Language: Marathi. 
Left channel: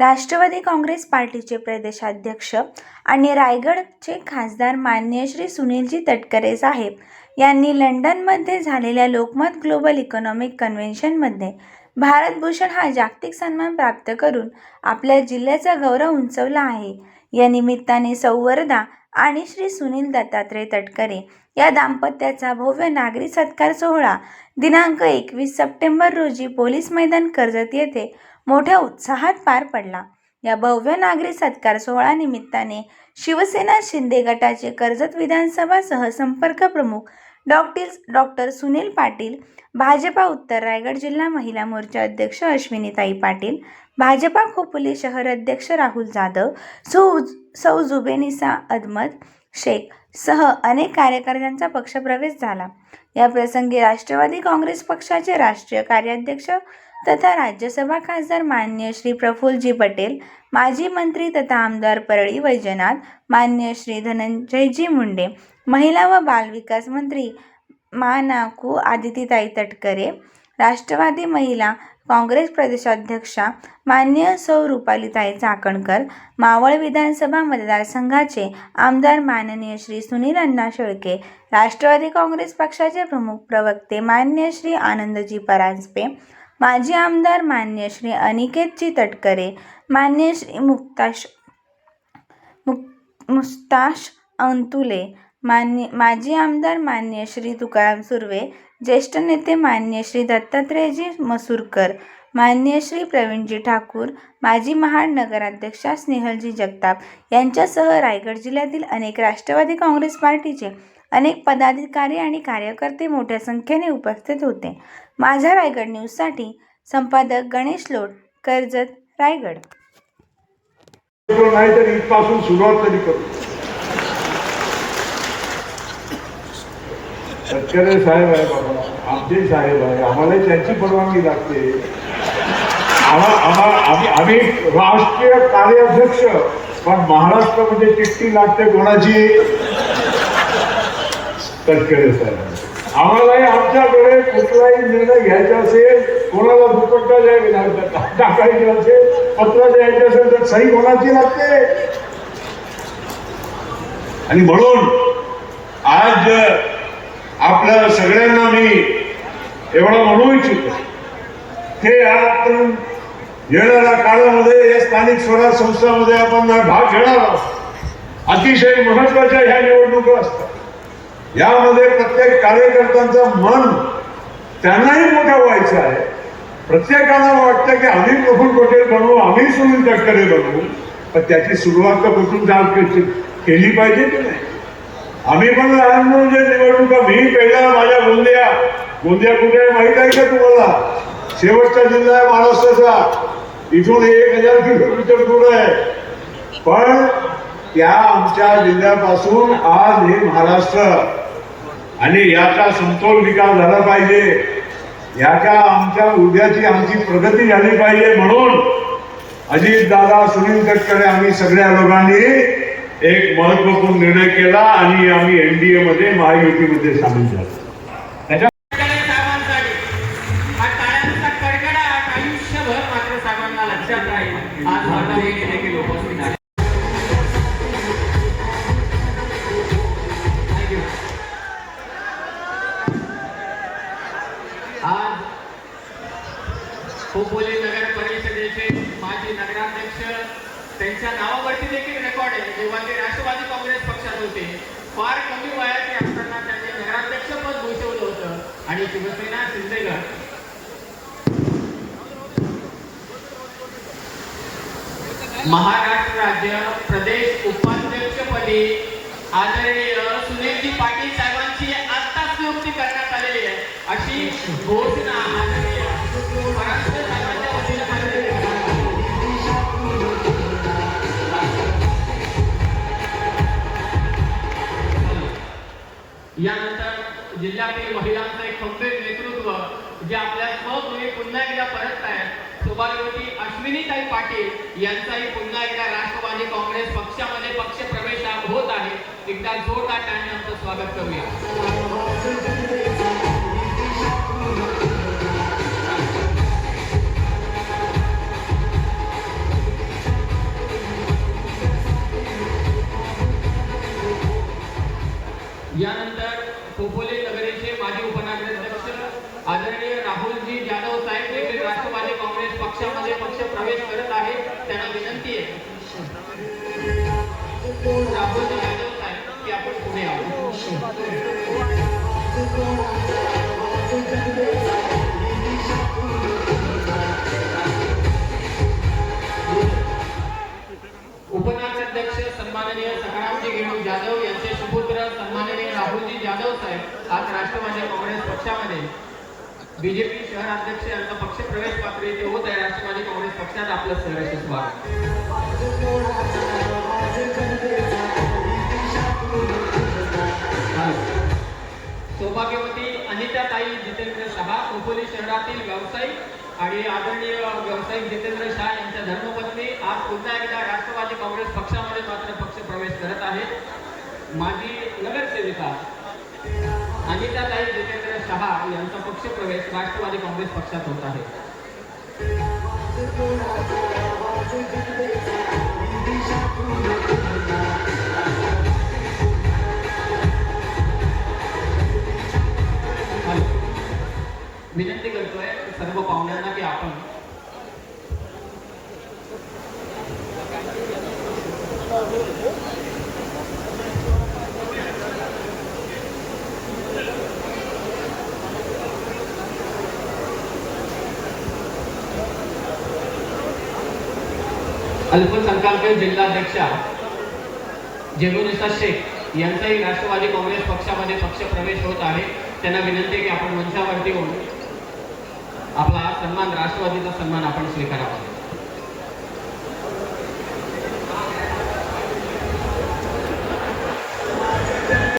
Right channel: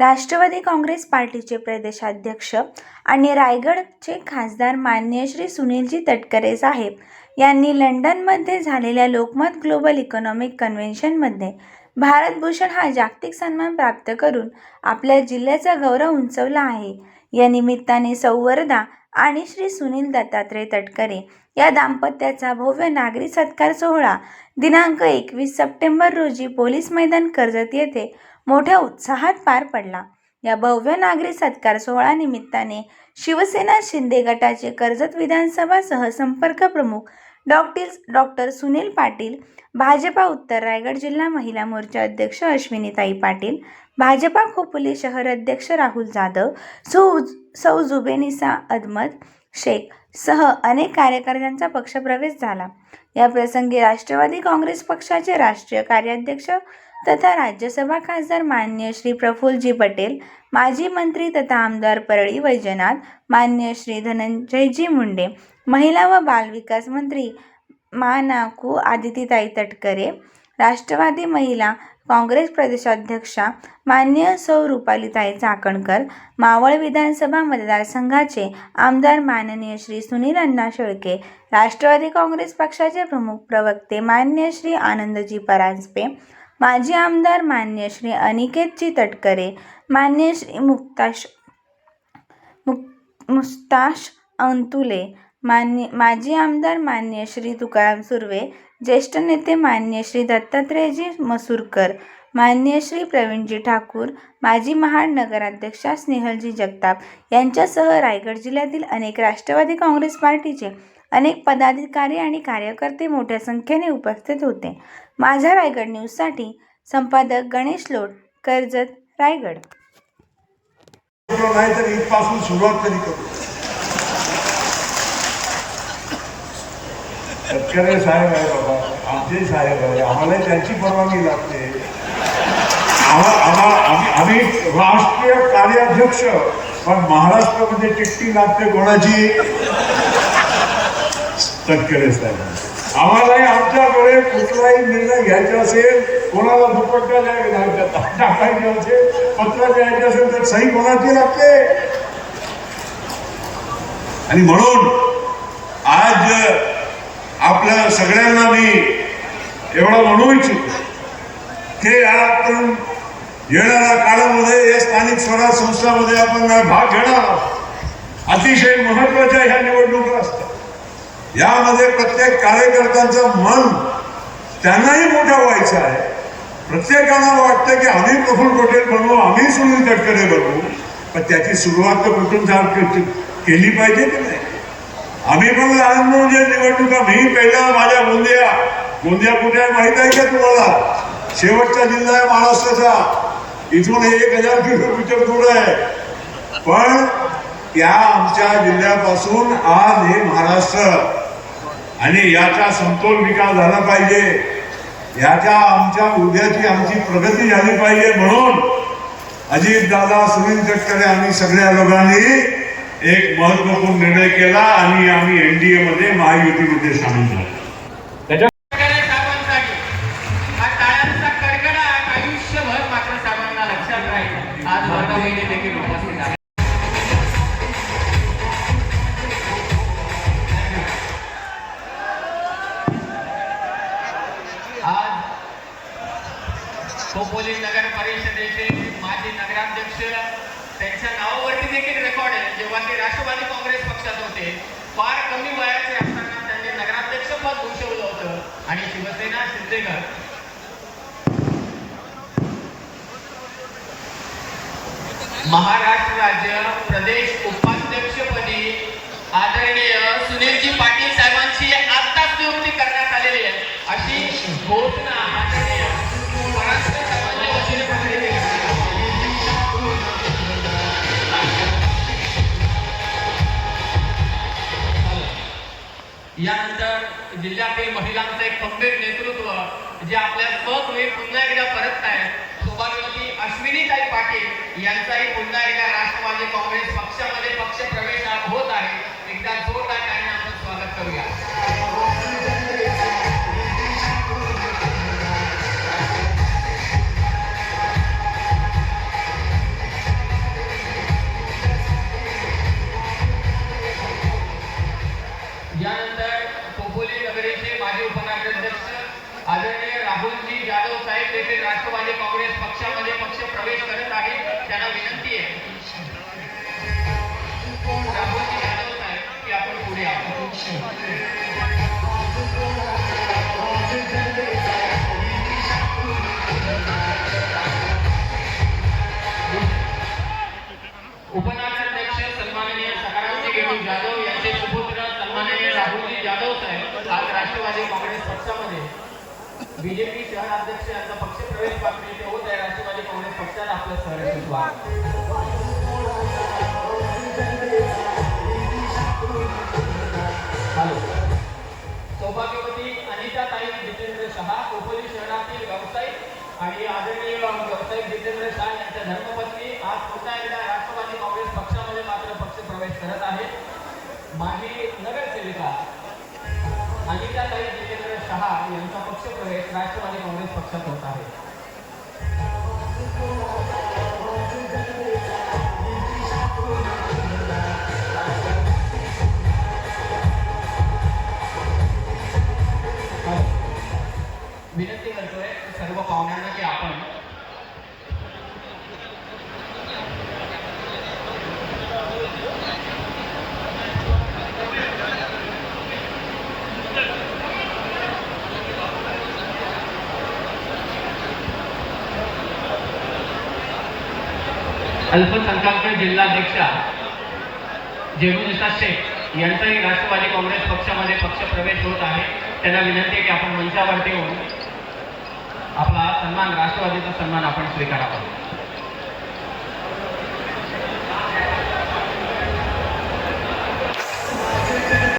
राष्ट्रवादी काँग्रेस पार्टीचे प्रदेशाध्यक्ष आणि रायगडचे खासदार माननीय श्री सुनीलजी तटकरे साहेब यांनी लंडनमध्ये झालेल्या लोकमत ग्लोबल इकॉनॉमिक कन्व्हेन्शनमध्ये भारतभूषण हा जागतिक सन्मान प्राप्त करून आपल्या जिल्ह्याचा गौरव उंचवला आहे. या निमित्ताने सौवर्धा आणि श्री सुनील दत्तात्रय तटकरे या दाम्पत्याचा भव्य नागरी सत्कार सोहळा दिनांक एकवीस सप्टेंबर रोजी पोलीस मैदान कर्जत येथे मोठ्या उत्साहात पार पडला. या भव्य नागरी सत्कार सोहळा निमित्ताने शिवसेना शिंदे गटाचे कर्जत विधानसभा सहसंपर्क प्रमुख डॉक्टर डॉक्टर सुनील पाटील भाजपा उत्तर रायगड जिल्हा महिला मोर्चा अध्यक्ष अश्विनीताई पाटील भाजपा खोपोली शहर अध्यक्ष राहुल जाधव सौ सौ जुबेनिसा अदमत शेख सह अनेक कार्यकर्त्यांचा पक्षप्रवेश झाला. या प्रसंगी राष्ट्रवादी काँग्रेस पक्षाचे राष्ट्रीय कार्याध्यक्ष तथा राज्यसभा खासदार मान्य श्री प्रफुल्लजी पटेल माजी मंत्री तथा आमदार परळी वैजनाथ मान्य श्री धनंजयजी मुंडे महिला व बालविकास मंत्री मानाकू आदितीताई तटकरे राष्ट्रवादी महिला काँग्रेस प्रदेशाध्यक्षा मान्य सौ रुपालीताई चाकणकर मावळ विधानसभा मतदारसंघाचे आमदार माननीय श्री सुनील अण्णा शेळके राष्ट्रवादी काँग्रेस पक्षाचे प्रमुख प्रवक्ते मान्य श्री आनंदजी परांजपे माजी आमदार मान्य श्री अनिकेतजी तटकरे मान्य श्री मुक्ताश मुक मुस्ताश अंतुले मान्य माजी आमदार मान्य श्री तुकाराम सुर्वे ज्येष्ठ नेते मान्य श्री दत्तात्रेयजी मसूरकर मान्य श्री प्रवीणजी ठाकूर माजी महाड नगराध्यक्षा स्नेहलजी जगताप यांच्यासह रायगड जिल्ह्यातील अनेक राष्ट्रवादी काँग्रेस पार्टीचे अनेक पदाधिकारी आणि कार्यकर्ते मोठ्या संख्येने उपस्थित होते. माझ्या रायगड न्यूजसाठी संपादक गणेश लोट कर्जत रायगड. नाही तर इथपासून सुरुवात तरी करू. तटकरे साहेब आहे बाबा आमचे साहेब आहे. आम्हाला त्यांची परवानगी लागते. आम्हा- आम्ही आम्ही राष्ट्रीय कार्याध्यक्ष पण महाराष्ट्रामध्ये म्हणजे चिठ्ठी लागते कोणाची? तटकरे साहेब. आम्हालाही आमच्याकडे कुठलाही निर्णय घ्यायचा असेल कोणाला दुपट्टा द्यायला टाकायचे असेल पत्र द्यायचे असेल तर सही कोणाची लागते? आणि म्हणून आज आपल्या सगळ्यांना मी एवढा म्हणू इच्छितो की आपण येणाऱ्या काळामध्ये या स्थानिक स्वराज संस्थांमध्ये आपण भाग घेणार आहोत. अतिशय महत्त्वाच्या ह्या निवडणुका असतात. यामध्ये प्रत्येक कार्यकर्त्यांचं मन त्यांनाही मोठं व्हायचं आहे. प्रत्येकाला वाटतं की आम्ही प्रफुल पटेल बनवू आम्ही सुनील तटकरे बनवू पण त्याची सुरुवात तर कुठून केली पाहिजे की नाही? आम्ही पण लहान म्हणजे निवडणुका मी पहिला माझ्या गोंदिया गोंदिया कुठे आहे माहीत आहे का तुम्हाला? शेवटचा जिल्हा आहे महाराष्ट्राचा. इथून एक हजार किलोमीटर दूर आहे. पण त्या आमच्या जिल्ह्यापासून आज हे महाराष्ट्र आणि याचा समतोल विकास झाला पाहिजे. याच्या आमच्या उद्याची आमची प्रगती झाली पाहिजे म्हणून अजित दादा सुनील तटकरे आम्ही सगळ्या लोकांनी एक महत्त्वपूर्ण निर्णय केला आणि आम्ही एनडीए मध्ये महायुतीमध्ये सामील झालो. आयुष्यभर मात्र साहेबांना लक्षात राहील. आज वातावरण बहिणी देखील खोपोली नगर परिषदेचे माजी नगराध्यक्ष त्यांच्या नावावरती देखील रेकॉर्ड आहे. जेव्हा ते राष्ट्रवादी काँग्रेस पक्षात होते फार कमी वयाचे असताना त्यांनी नगराध्यक्ष पद भूषवलं होतं आणि शिवसेना शिंदेगड. महाराष्ट्र राज्य प्रदेश उपाध्यक्षपदी आदरणीय सुनीलजी पाटील साहेबांची आत्ताच निवृत्ती करण्यात आलेली आहे. अशी घोषणा यानंतर जिल्ह्यातील महिलांचं एक खंबीर नेतृत्व जे आपल्या स्वगृही पुन्हा एकदा परत आहे सौभाग्यवती अश्विनीताई पाटील यांचाही पुन्हा एकदा राष्ट्रवादी काँग्रेस पक्षामध्ये पक्ष प्रवेश होत आहे. एकदा जोरदार टाळ्यांनी स्वागत करूया. उपनगराध्यक्ष सन्माननीय सकारामजी गेलू जाधव यांचे सुपुत्र सन्माननीय राहुलजी जाधव साहेब आज राष्ट्रवादी काँग्रेस पक्षामध्ये. बीजेपी शहराध्यक्ष यांचा पक्ष प्रवेश पात्र इथे होत आहे. राष्ट्रवादी काँग्रेस पक्षात आपलं सहर्ष स्वागत सौभाग्यवती अनिता ताई जितेंद्र शहा खोपोली शहरातील व्यावसायिक आणि आदरणीय व्यावसायिक जितेंद्र शहा यांच्या धर्मपत्नी आज पुन्हा एकदा राष्ट्रवादी काँग्रेस पक्षामध्ये मात्र पक्ष प्रवेश करत आहे माझी नगरसेविका अनिताताई जितेंद्र शहा यांचा पक्षप्रवेश राष्ट्रवादी काँग्रेस पक्षात होत आहे. विनंती करतोय सर्व पाहुण्यांना की आपण अल्पसंख्याक जिल्हाध्यक्षा जेबुनिसा शेख यांचाही राष्ट्रवादी काँग्रेस पक्षामध्ये पक्ष प्रवेश होत आहे. त्यांना विनंती आहे की आपण मंचावरती येऊन आपला सन्मान राष्ट्रवादीचा सन्मान आपण स्वीकारावा.